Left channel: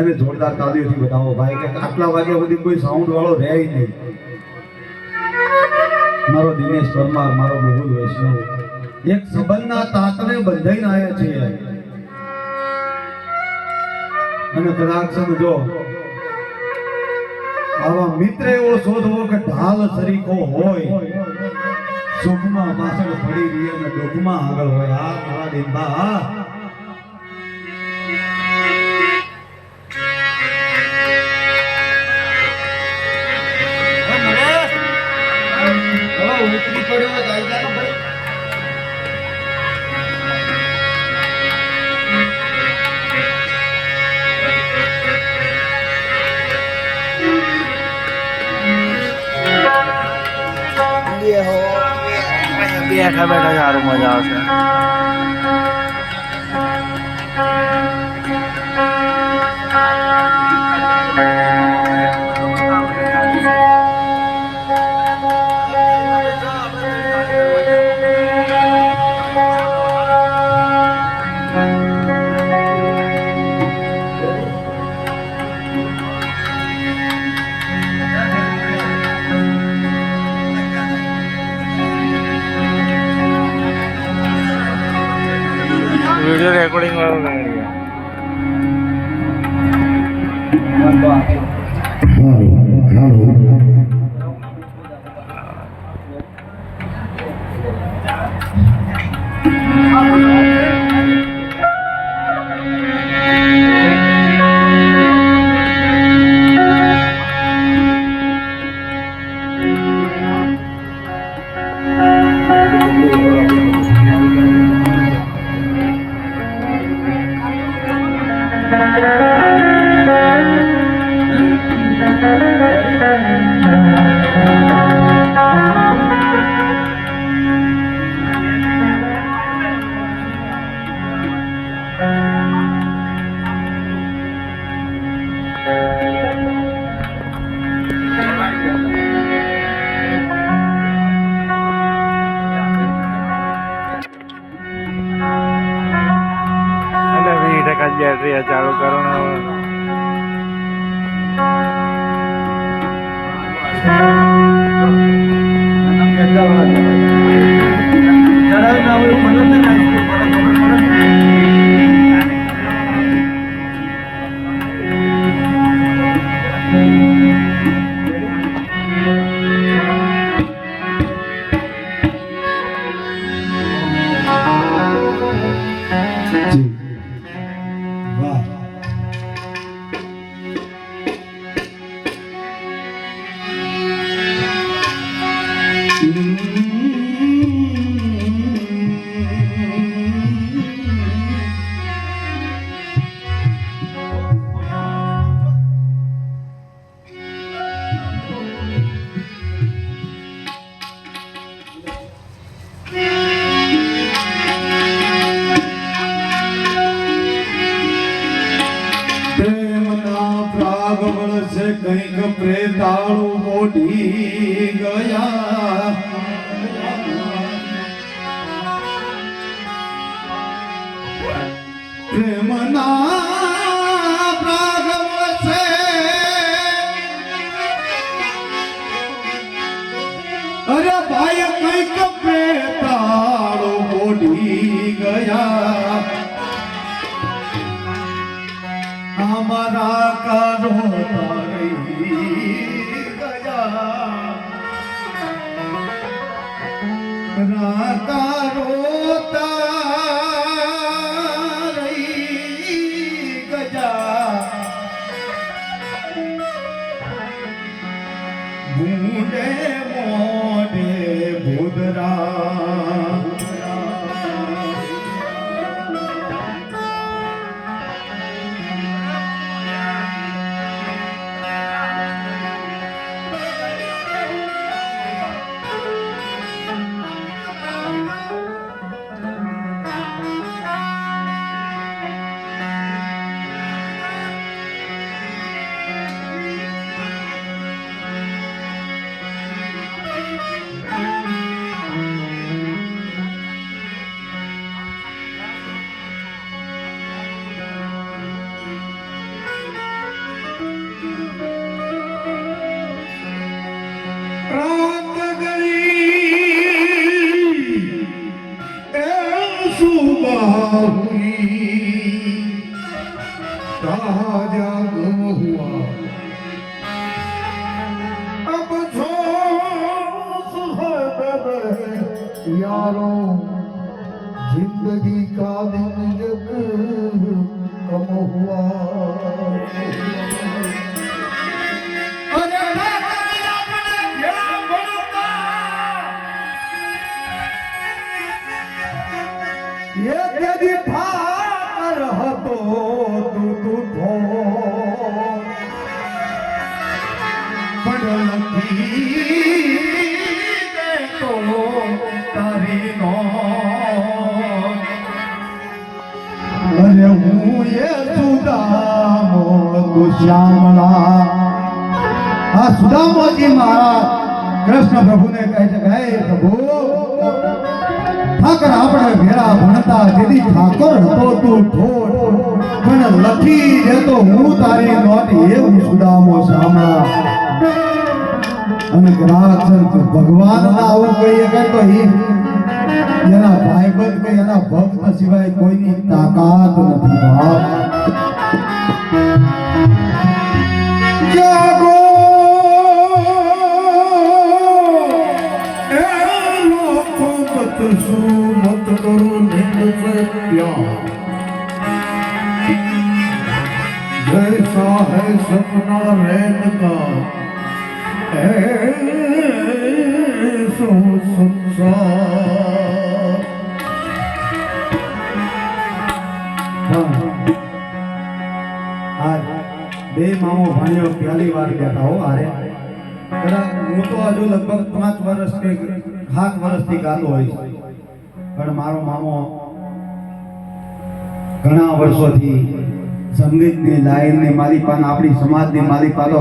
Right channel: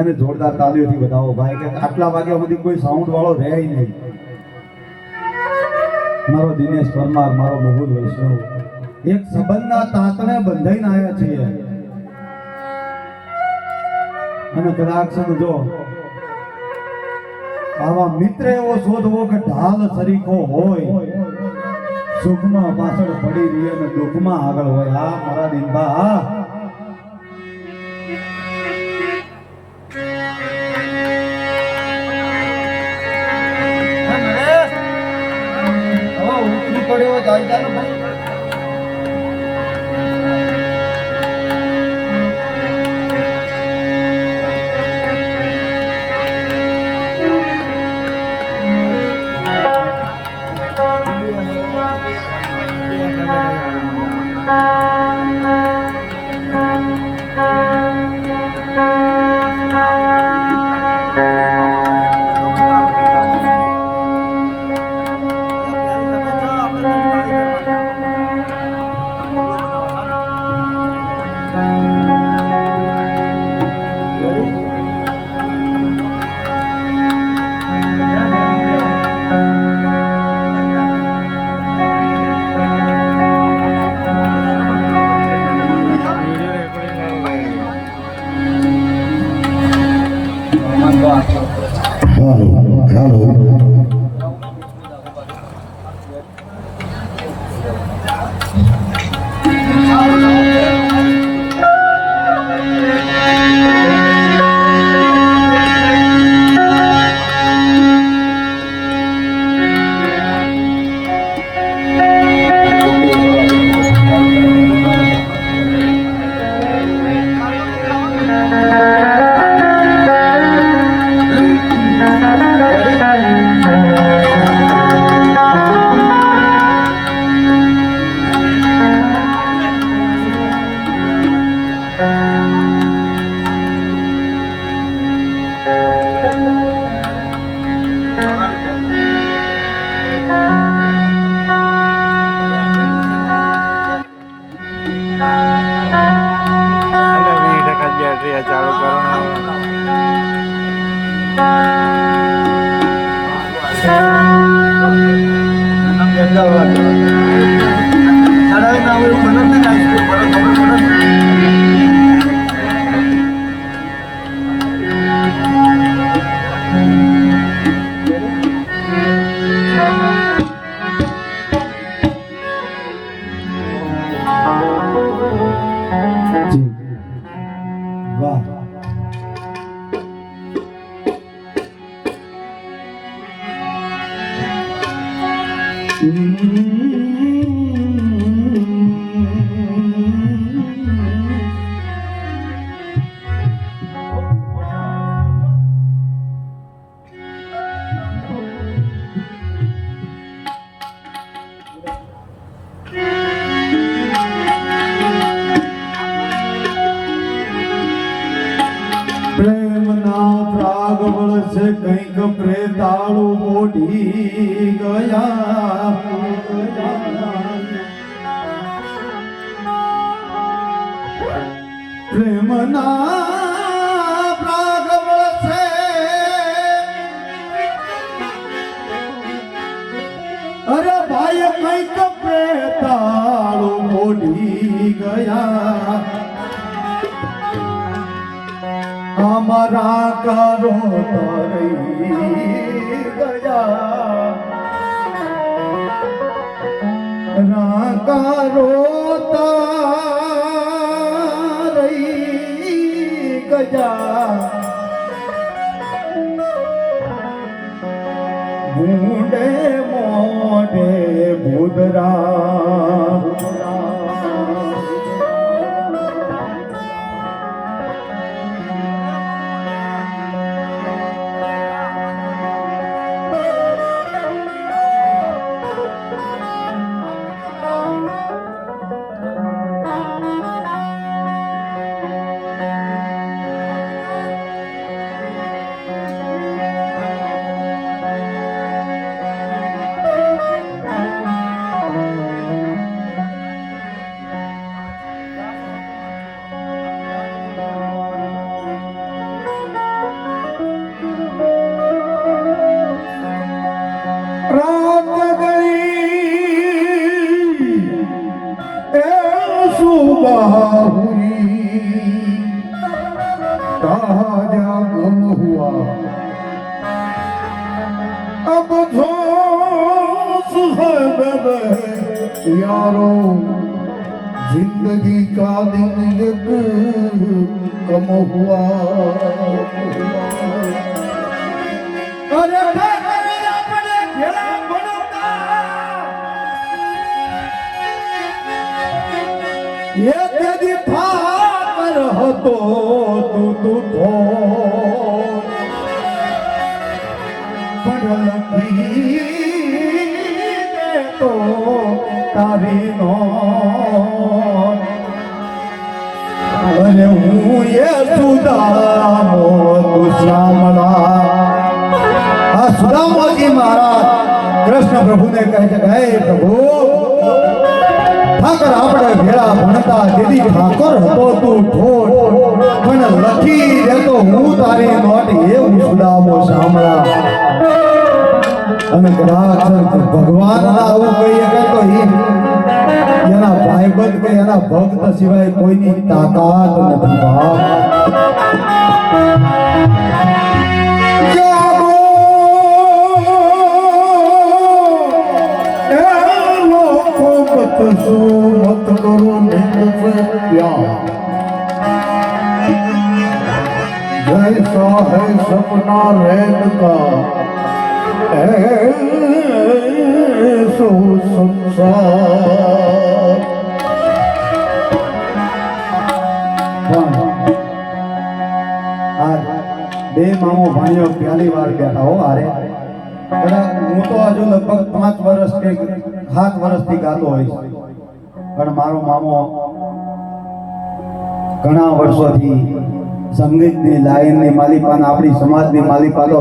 એને જોરદાર તાલીઓથી બતાવો ભાઈ કે આટલા વાગ્યા સુધી કોઈ સાઉન્ડ વાળો રહે નહીં. મારો દિનેશ પરમાર, મારો મહુલ વૈષ્ણવ એક સંબંધના તાતણે બંધાઈને આવ્યા છીએ. અને કદાચ સમજો આવા મિત્ર એવો શોધવો કે ઢાલ સરીખો હોય, સુખમાં પાછળ પડી રહી અને દુઃખમાં આગળ હોય. આ મારા દિનબા ઉતરી પડ્યો જાય ભાઈ. બેઠા બેઠા સારું મજા આવશે. वीडियो रिकॉर्डिंग वाला रेडी बैटरी चालू करो ना. કંઈક પ્રેતાળું મોઢી ગયા. પ્રેમના પ્રાગવળ છે અરે ભાઈ કંઈક પ્રેતાળું મોઢી ગયા. અમારા કરો તરી ગયા કરો તરી ગયા. ભૂંડે મોઢે ભૂદરા ताजा गम हुआ अब जोश है मेरे यारों जिंदगी का दिन एक कम हुआ अरे ये तेरी ठाकर હતો તું તો પણ લખી તો તારી નો અરે હું એ સુદામો તું શ્યામળા આ સુદામાજી મહારાજ કૃષ્ણ પ્રભુને કહે છે હે પ્રભુ ઠાકર આપણે ભેળા ભણતા દીદી ઠાકોર હતો તું ઠોઠ પણ લખી દેતો હું તારી નોટી એવું સુદામો સાંભળા અને કદાચ ભગવાન આવું કોઈ કહેતો એના ભાઈબંધ કે એના ભક્ત સિવાય કોઈની તાકાત નથી બાપ मत करो नींद से प्यार जैसा है सपना रैन का ऐसो संसार બે મામો ભાઈઓ પહેલી વાર બેઠા હો આરે હું તો હજુ લગભગ 5 વર્ષ કે 7 વર્ષથી ગાતો હોઈશ પણ મારો મામો ઘણા વર્ષોથી સંગીતની લાઈનની માલિકાના આપણી સમાજની માલિકાનો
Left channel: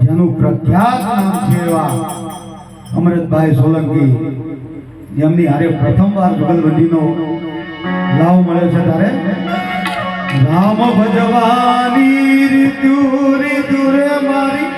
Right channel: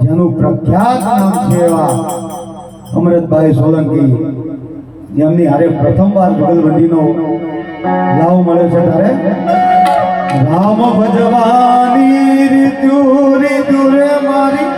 જેનું પ્રખ્યાત નામ છે એવા અમૃતભાઈ સોલંકી જેમની હારે પ્રથમવાર જુગલબંધીનો લાવ મળ્યો છે ત્યારે રામ ભજવાની રીતુ રીતુ રે મારી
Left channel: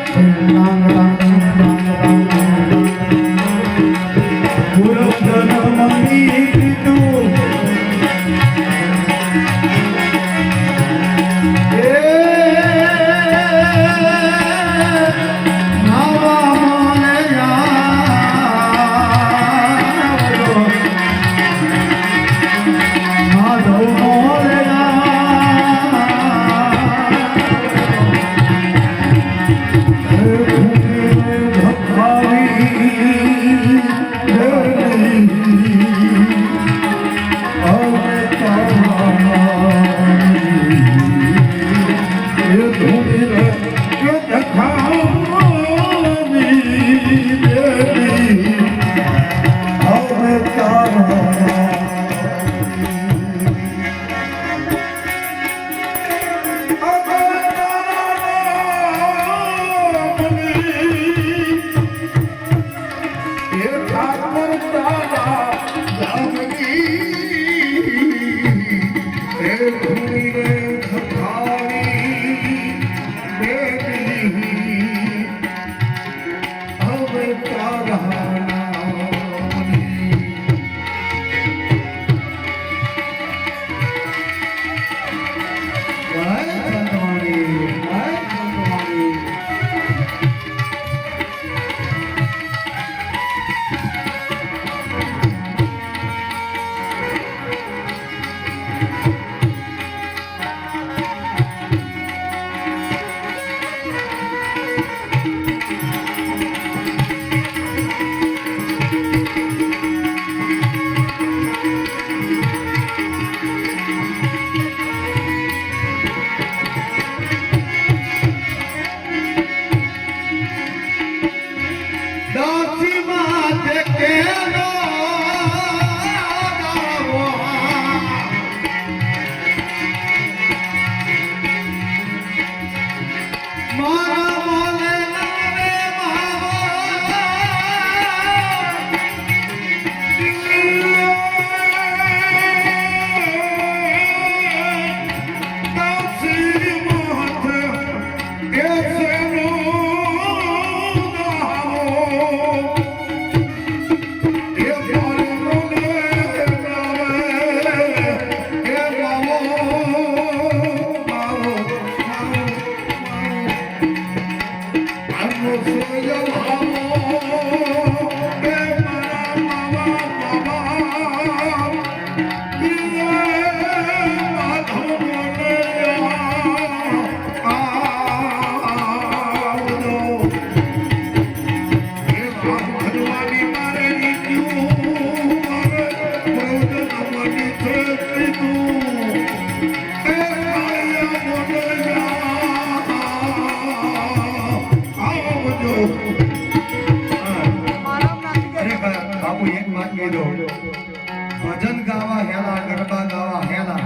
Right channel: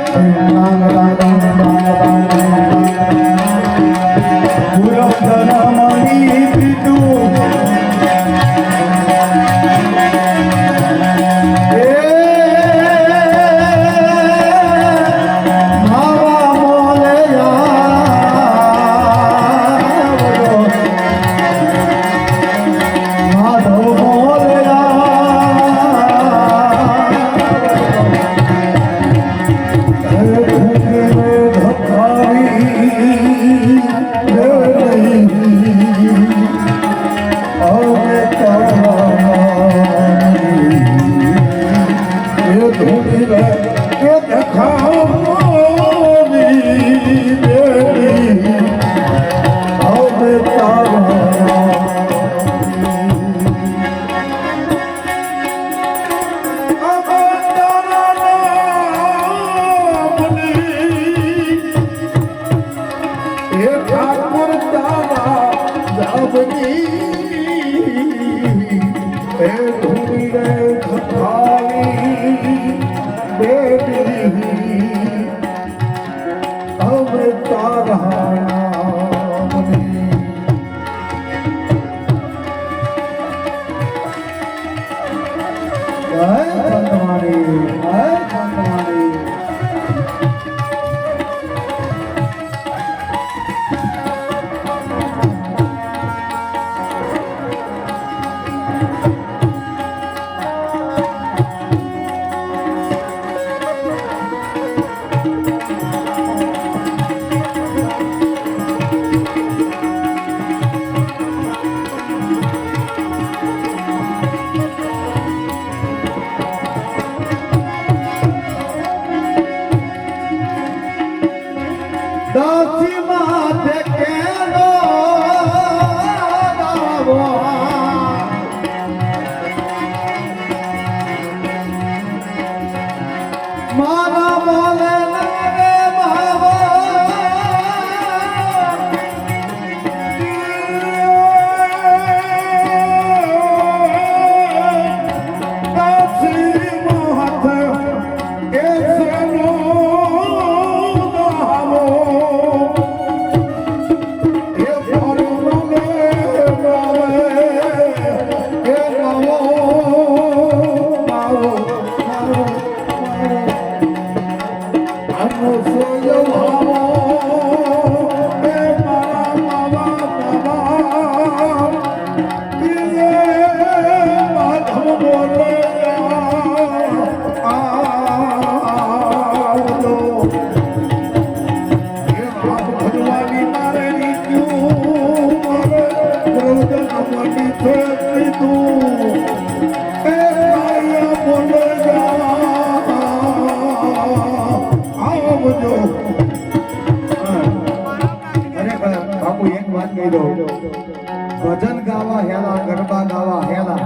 ભજન ગાવા હેલા ગરબા ગાવા હેલા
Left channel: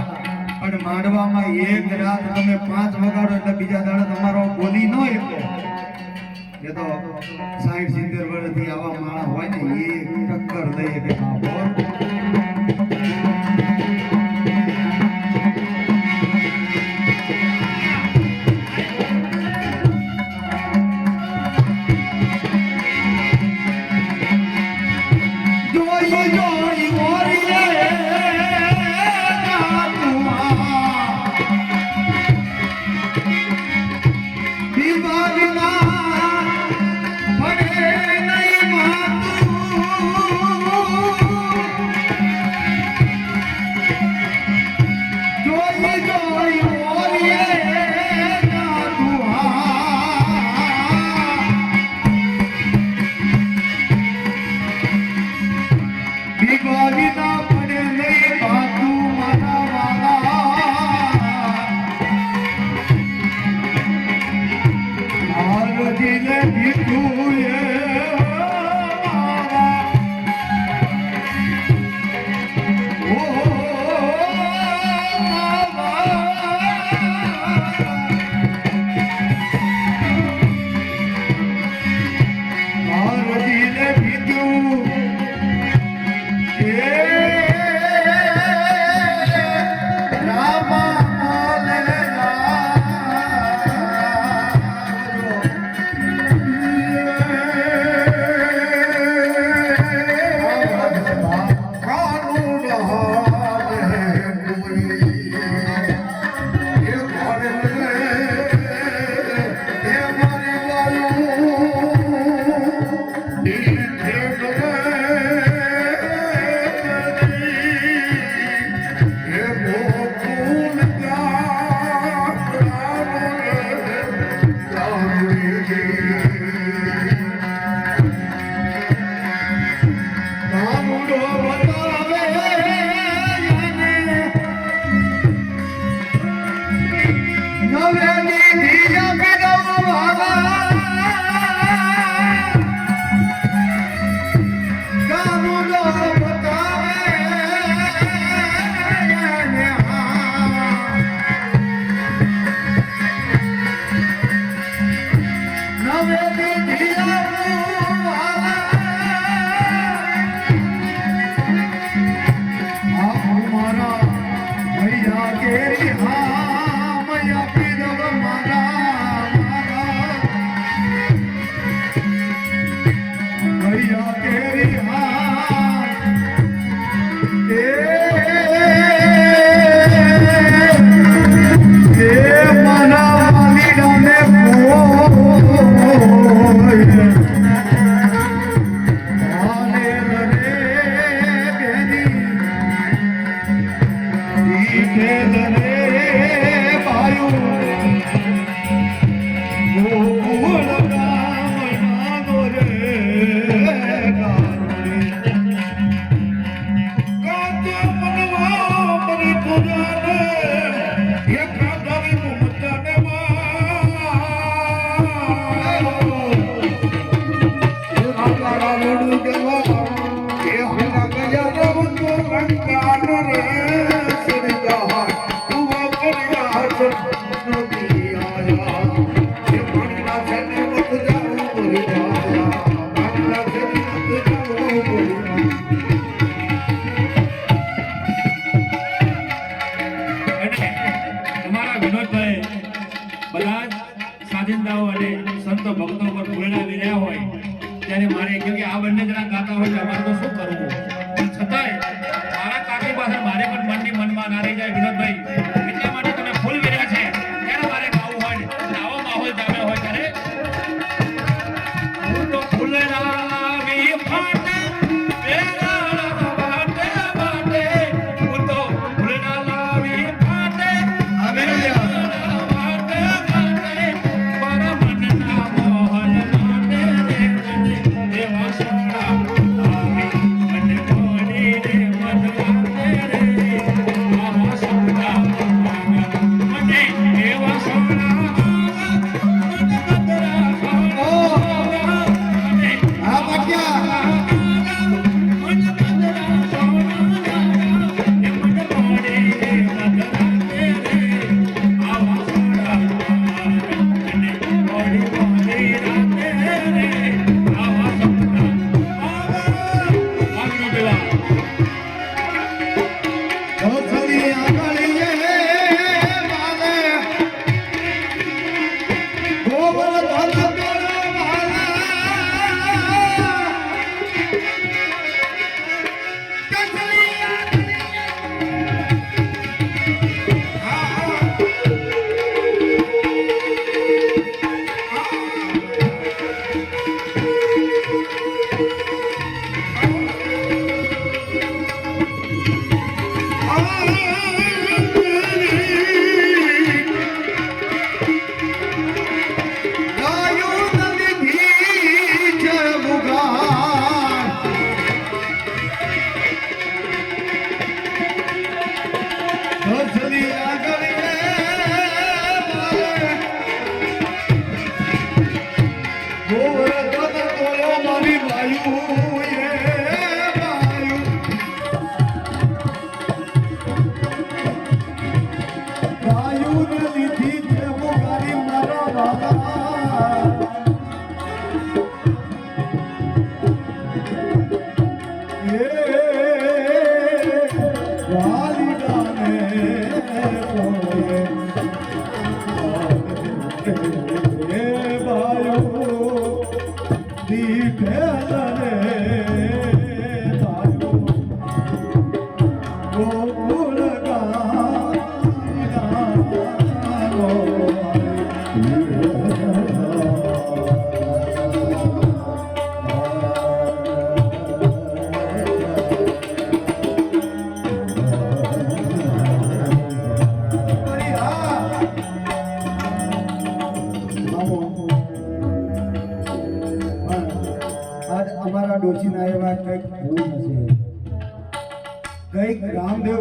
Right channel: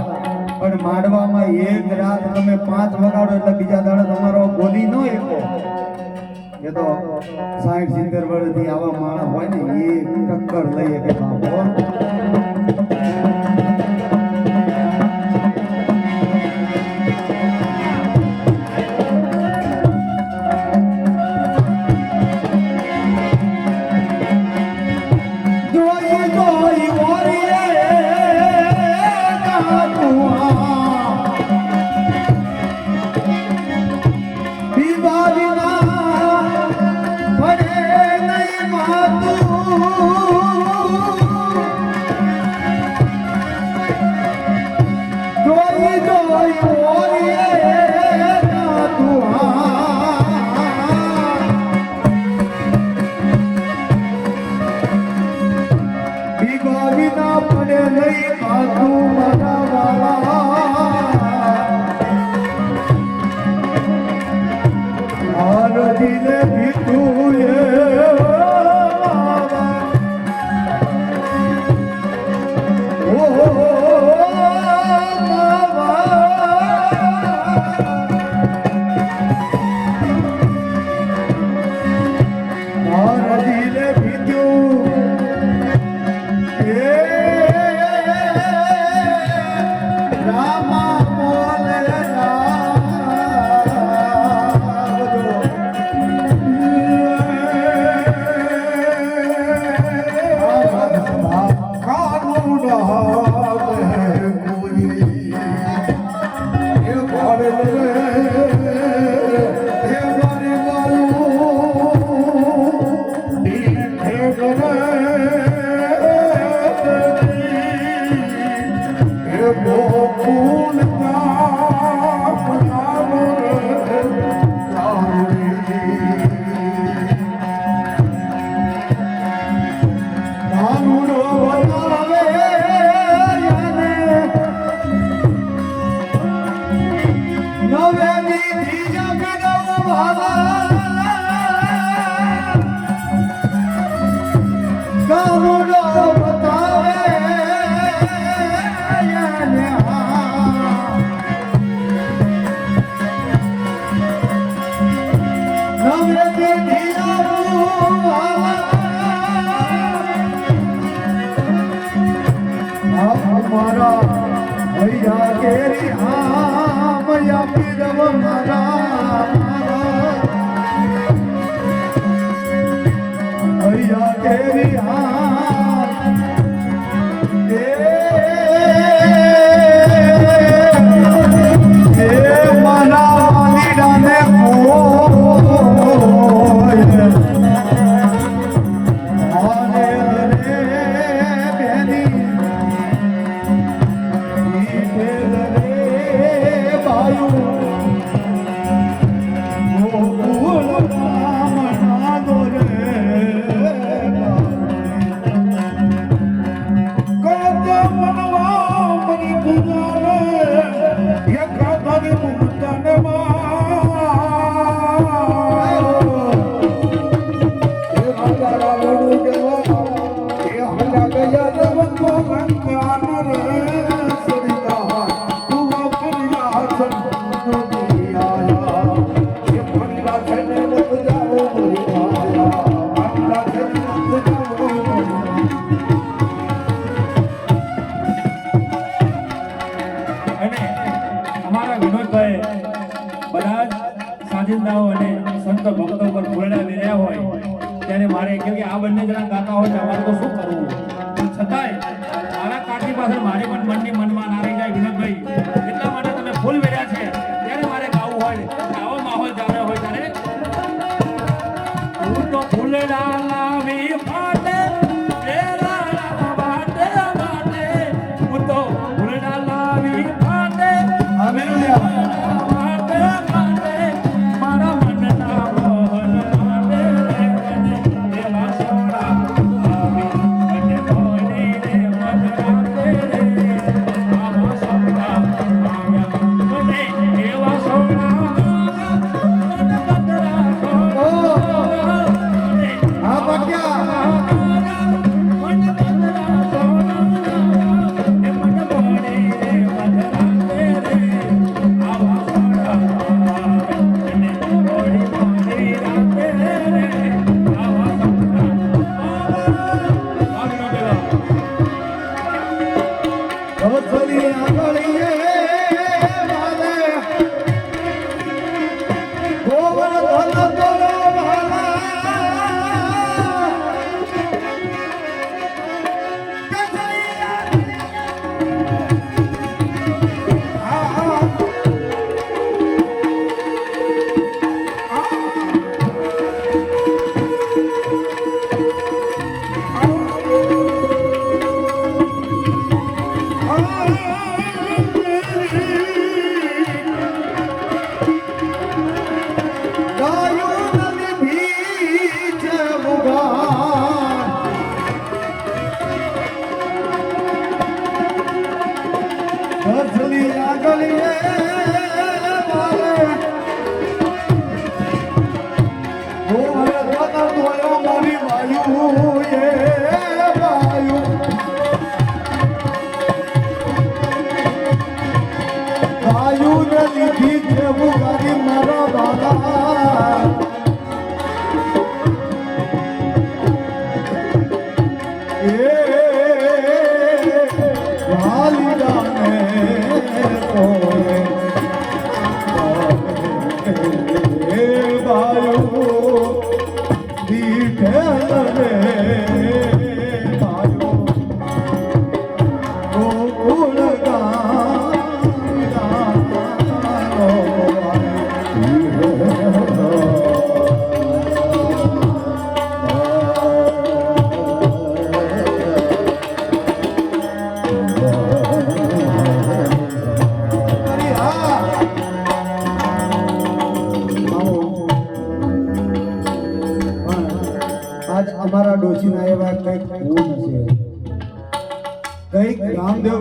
પણ માંડવામાં એક રાત તમે 5 વગાડો એટલે બીજા દાડે તમારો બોલી ન એકો એ તો 60-70 વર્ષથી આવા માણસ હોય ને એ ટક્કર લઈએ કે બાપો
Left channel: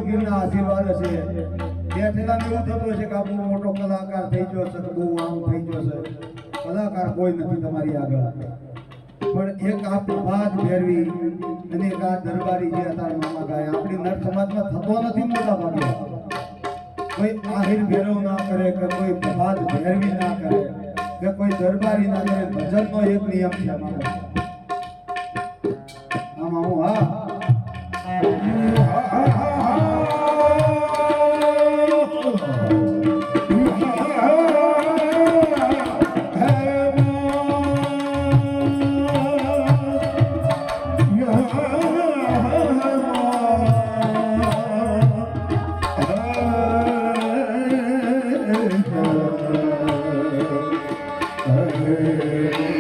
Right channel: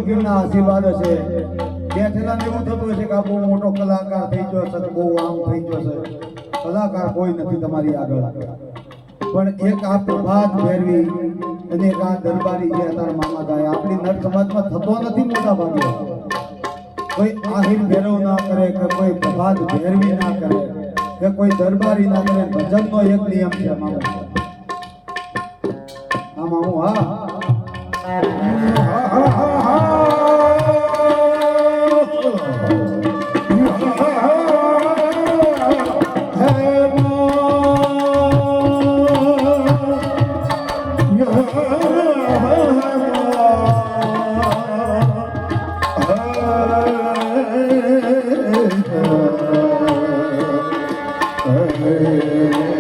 પીરના આશીર્વાદ હશે બેઠેલા એવું થતું હશે કે આ બહુ મોટો કલાકાર થઈ ગયો છે બહુ આમ થઈ ગયો છે કલાકાર કોઈ નથી તમારી આગળ પણ એક આ પ્રભાત ફેરવી અને એક આ દરબારી જે તારા મામા ગાય આપણી નર સમાજમાં થતો નથી મોટા ભાગે કોઈ આહિર ભેરવ ના કરે કે કોઈ પ્રભાત ફેરવી ના કરે કે કોઈ દરબારી ના કરે ભજનનો એક નિયમ છે મામા આ મામું હા Hey